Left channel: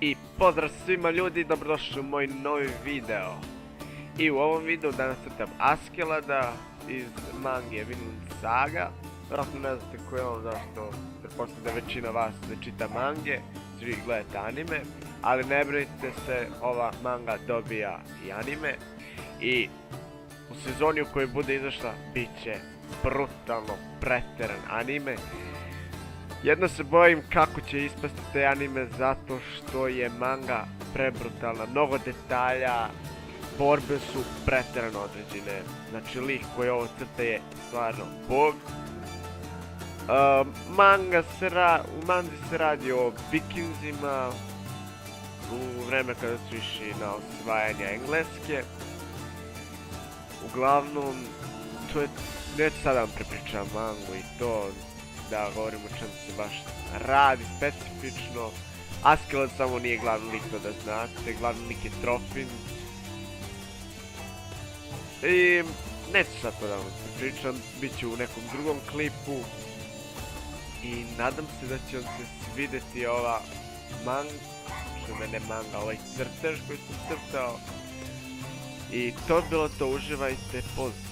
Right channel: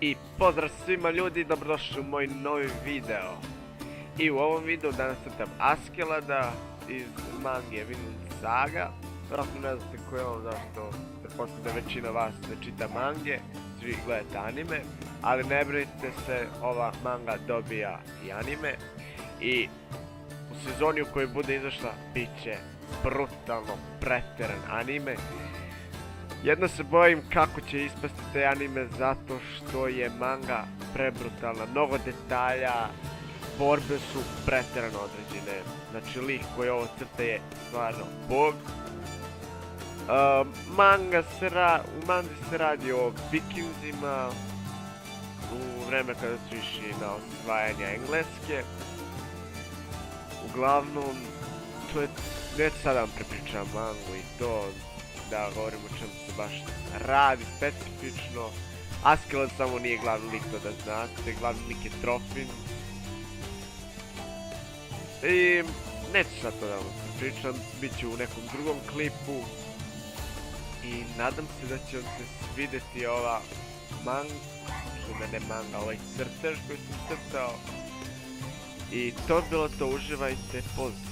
I pozdrav svima ljudi, dobrodošli u moj novi video. I u ovom videu danas crtam Askeladdha iz mange Vinland Saga. Vjerojatno ne znate ko je on, zašto pretpostavljam da većina vas ne čita mange, svi gledate anime. Ali ne brinite se, ova manga dobija i anime. I u sezoni u kojoj bude izašla bit će brutalno preteran anime. Jedno se bojim kako će ispasti taj anime zato što je manga prebrutalna, mnogo detalja, borbe su pretjerano određene, znači lik koji ovo crta je stvarno bog. U manzi se radi o vikinzima u vreme kada su išli na osvajanje Engleske. Uglavnom, to je, neću sada vam prepričam mangu i to, da govorim o čemu se baš radi specifično. Askeladdha samo nije glavni lik, to da znate, glavni lik je Trofim. I neću sad to da vam pričam, bit ću u nekom drugom klipu. I nadam se da će vam se svidjeti ova manga, ovaj crtež koji sam crtao. I to je bilo to, uživajte, pozdrav.